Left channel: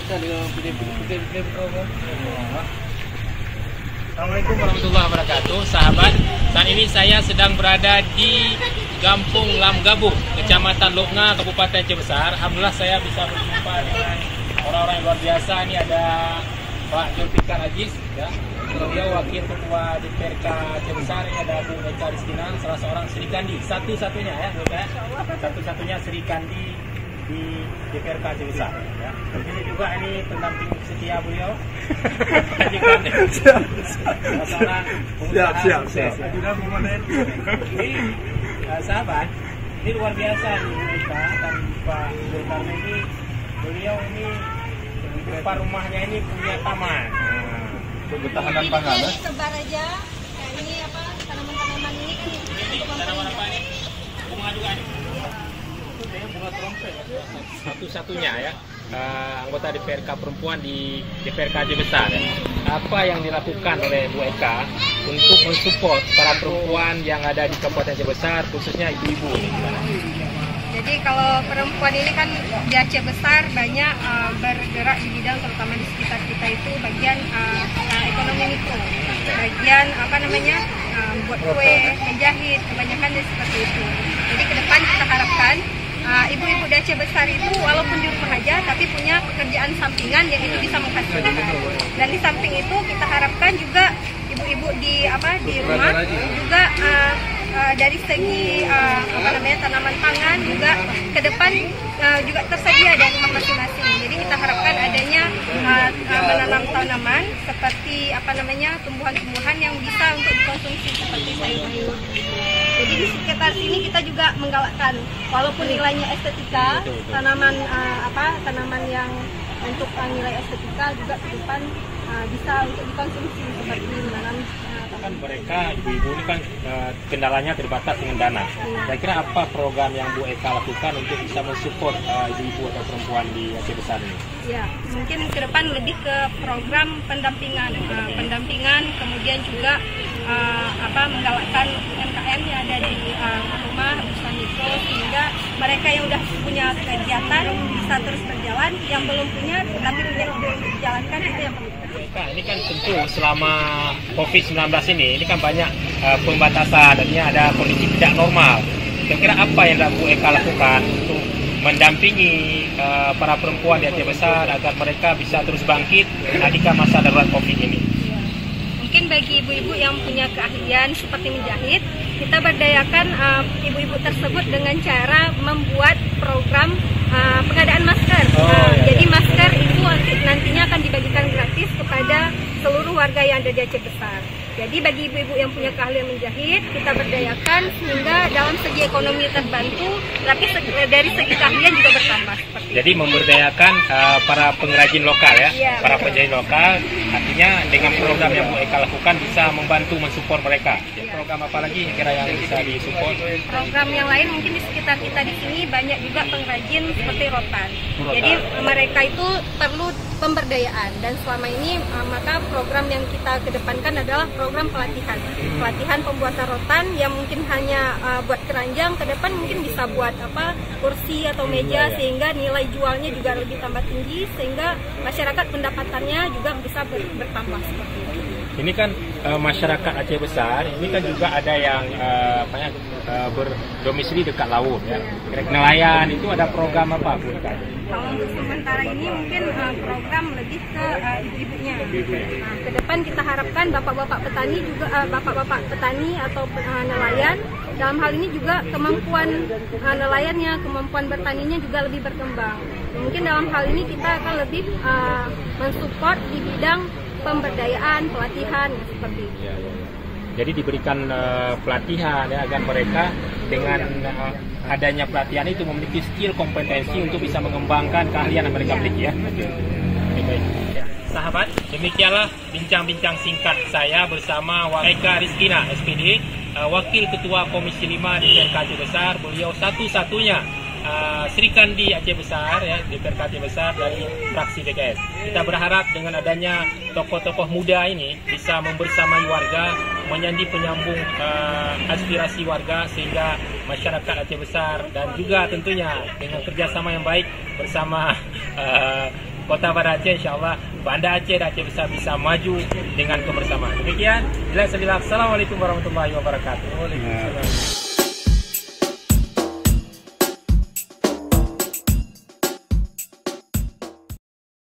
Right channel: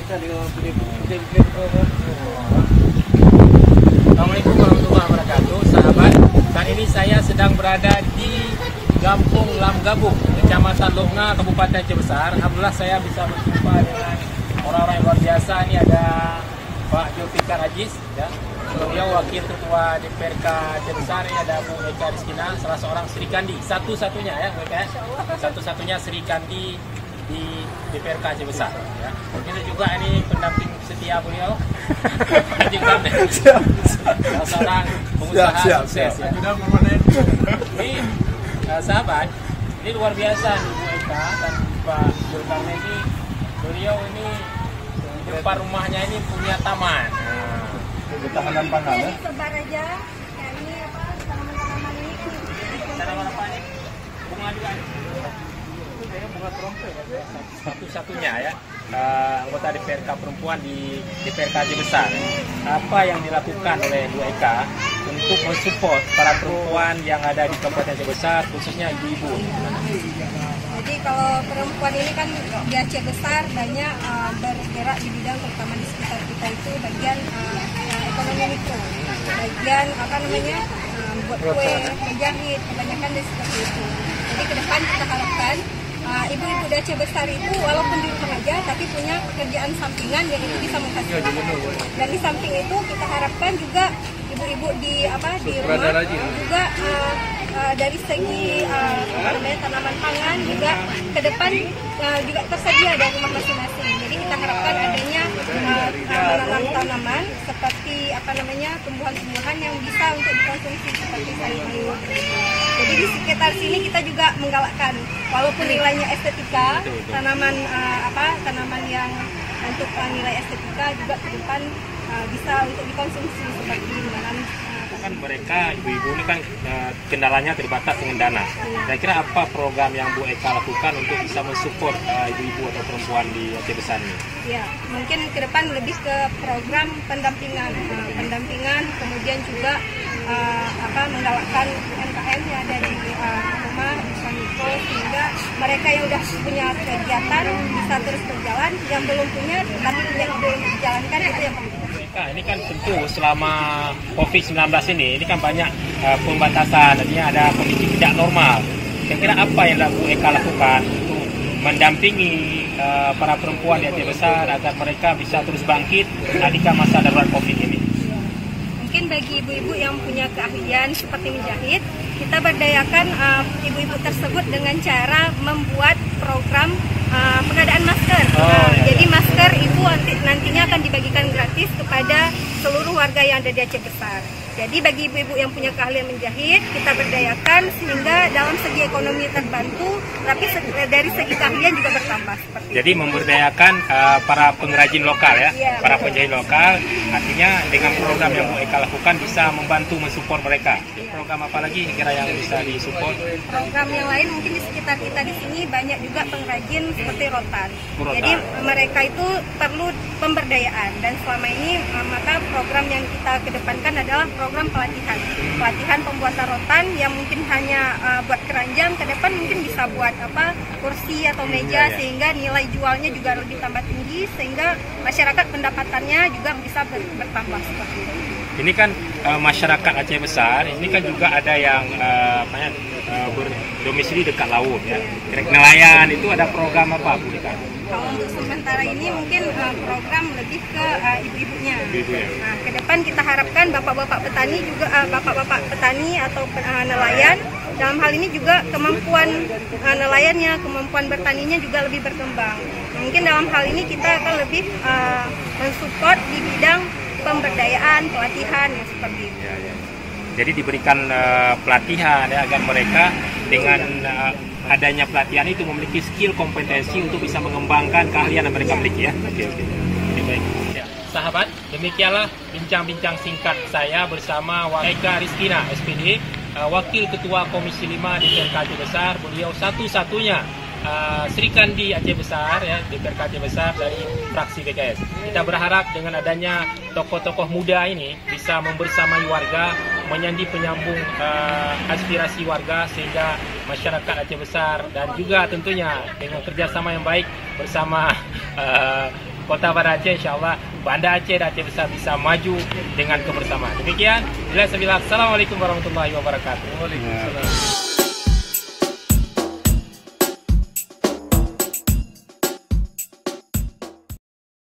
Assalamualaikum warahmatullahi wabarakatuh, sahabat. Saat ini saya sedang berada di Kampung Lamgabung, Kecamatan Lokna, Kabupaten Aceh Besar. Alhamdulillah saya bisa berjumpa dengan orang-orang yang luar biasa. Ini ada Pak Julfikar Aziz, ya. Beliau wakil ketua DPRK Aceh Besar. Ini ada Bu Eka Rizkina, salah seorang Sri Kandi, satu-satunya ya, satu-satunya Sri Kandi di DPRK Aceh Besar. Ya. Ini juga ini pendamping setia beliau, Haji Karden, seorang pengusaha sukses. Ya. Ini sahabat, ini luar biasa nih Bu Eka dan Pak Zulkarnain ini. Beliau ini di depan rumahnya ini punya taman. Ketahanan pangan. Ini sebar aja. Ya ini apa tanaman-tanaman ini kan Tanaman apa ini? Bunga juga ada. Itu bunga trompet satu-satunya ya. Anggota DPRK perempuan di DPRK Aceh Besar. Apa yang dilakukan oleh Bu Eka untuk mensupport para perempuan yang ada di Kabupaten Aceh Besar, khususnya ibu-ibu? Jadi kalau perempuan ini kan di Aceh Besar banyak bergerak di bidang terutama di sekitar kita itu bagian ekonomi mikro, bagian apa namanya buat kue, menjahit, kebanyakan dari seperti itu. Jadi ke depan kita harapkan ibu-ibu di Aceh Besar itu walaupun di rumah aja tapi punya pekerjaan sampingan yang itu bisa menghasilkan. Dan di samping itu kita harapkan juga ibu-ibu di rumah juga dari segi tanaman pangan juga ke depan juga tersedia dari rumah masing-masing. Jadi kita harapkan adanya menanam tanaman seperti tumbuhan-tumbuhan yang bisa untuk dikonsumsi seperti sayur-mayur. Jadi di sekitar sini kita juga menggalakkan walaupun nilainya estetika, tanaman yang untuk nilai estetika juga ke depan bisa untuk dikonsumsi seperti menanam. Kan mereka ibu-ibu ini kan kendalanya terbatas dengan dana. Kira-kira apa program yang Bu Eka lakukan untuk bisa mensupport ibu-ibu atau perempuan di Aceh Besar ini? Ya, mungkin ke depan lebih ke program pendampingan, kemudian juga menggalakkan UMKM yang ada di rumah usaha mikro sehingga mereka yang sudah punya kegiatan bisa terus berjalan, yang belum punya tapi belum dijalankan itu yang penting. Ini kan tentu selama COVID-19 ini kan banyak pembatasan, artinya ada kondisi tidak normal. Kira-kira apa yang Bu Eka lakukan untuk mendampingi para perempuan di Aceh Besar agar mereka bisa terus bangkit ketika masa darurat COVID ini? Mungkin bagi ibu-ibu yang punya keahlian seperti menjahit, kita berdayakan ibu-ibu tersebut dengan cara membuat program pengadaan masker. Jadi masker itu nantinya akan dibagikan gratis kepada seluruh warga yang ada di Aceh Besar. Jadi bagi ibu-ibu yang punya keahlian menjahit, kita berdayakan sehingga dalam segi ekonomi terbantu, tapi dari segi keahlian juga bertambah. Jadi memberdayakan para pengrajin lokal ya, para penjahit lokal. Artinya dengan program yang Bu Eka lakukan bisa membantu mensupport mereka. Program apa lagi kira yang bisa disupport? Program yang lain mungkin di sekitar kita di sini banyak juga pengrajin seperti rotan. Jadi mereka itu perlu pemberdayaan dan selama ini maka program yang kita kedepankan adalah program pelatihan pembuatan rotan yang mungkin hanya buat keranjang, ke depan mungkin bisa buat kursi atau meja sehingga nilai jualnya juga lebih tambah tinggi sehingga masyarakat pendapatannya juga bisa bertambah seperti itu. Ini kan masyarakat Aceh Besar, ini kan juga ada yang berdomisili dekat laut ya. Nelayan itu ada program apa Bu Eka? Kalau untuk sementara ini mungkin program lebih ke ibu-ibunya. Nah, ke depan kita harapkan bapak-bapak petani juga bapak-bapak petani atau nelayan dalam hal ini juga kemampuan nelayannya, kemampuan bertaninya juga lebih berkembang. Mungkin dalam hal ini kita akan lebih mensupport di bidang pemberdayaan, pelatihan yang seperti itu. Jadi diberikan pelatihan ya, agar mereka dengan adanya pelatihan itu memiliki skill kompetensi untuk bisa mengembangkan keahlian yang mereka miliki ya. Baik. Ya. Sahabat, demikianlah bincang-bincang singkat saya bersama Eka Rizkina SPD, Wakil Ketua Komisi 5 DPRK Aceh Besar. Beliau satu-satunya Sri Kandi Aceh Besar ya, DPRK Aceh Besar dari fraksi PKS. Kita berharap dengan adanya tokoh-tokoh muda ini bisa membersamai warga, menjadi penyambung aspirasi warga sehingga masyarakat Aceh Besar dan juga tentunya dengan kerjasama yang baik bersama Kota Banda Aceh, insyaAllah Banda Aceh dan Aceh Besar bisa maju dengan kebersamaan. Demikian, Assalamualaikum warahmatullahi wabarakatuh. Waalaikumsalam.